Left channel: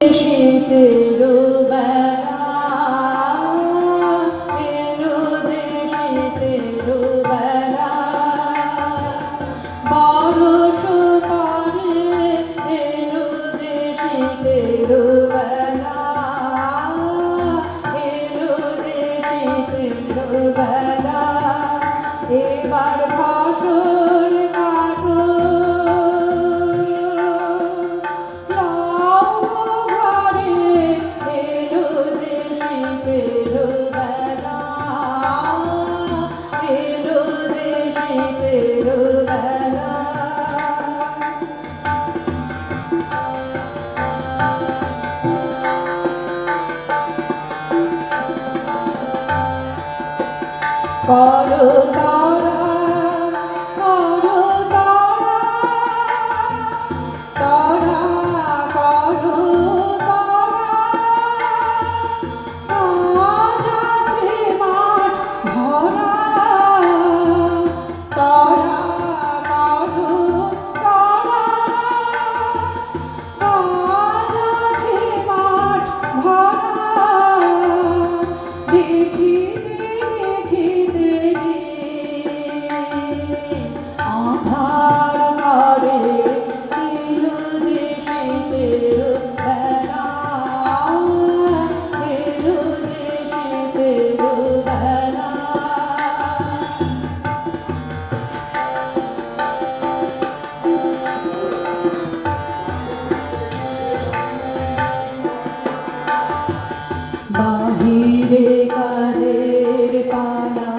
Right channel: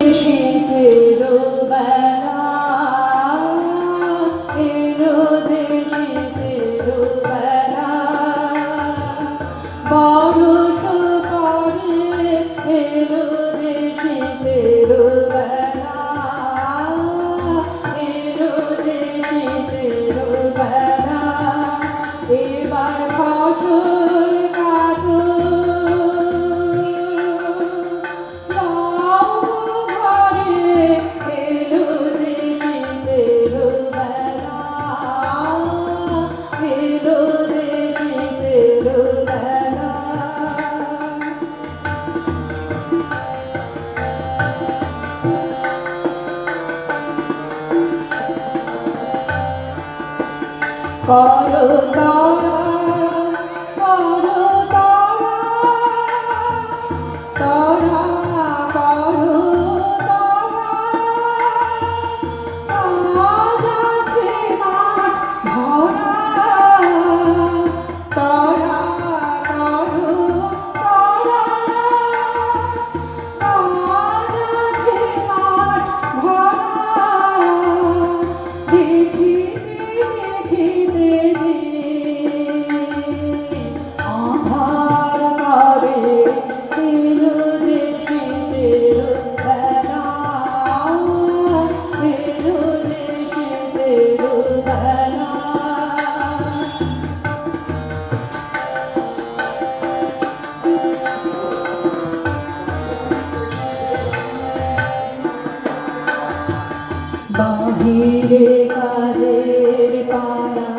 শীতের বেলা এলো যে শীতের বেলা বরষ পরে এলো যে শীতের বেলা এলো যে শীতের বেলা এবার ফসল কাটো করো তারা করো তারা তারা করো তারা আজ আছে মাঠ ভরা তারা করো তারা আজ আছে মাঠ ভরা দেখিতে আধার করে এলো যে শীতের বেলা এলো যে শীতের বেলা বাহিরে কাজের পালা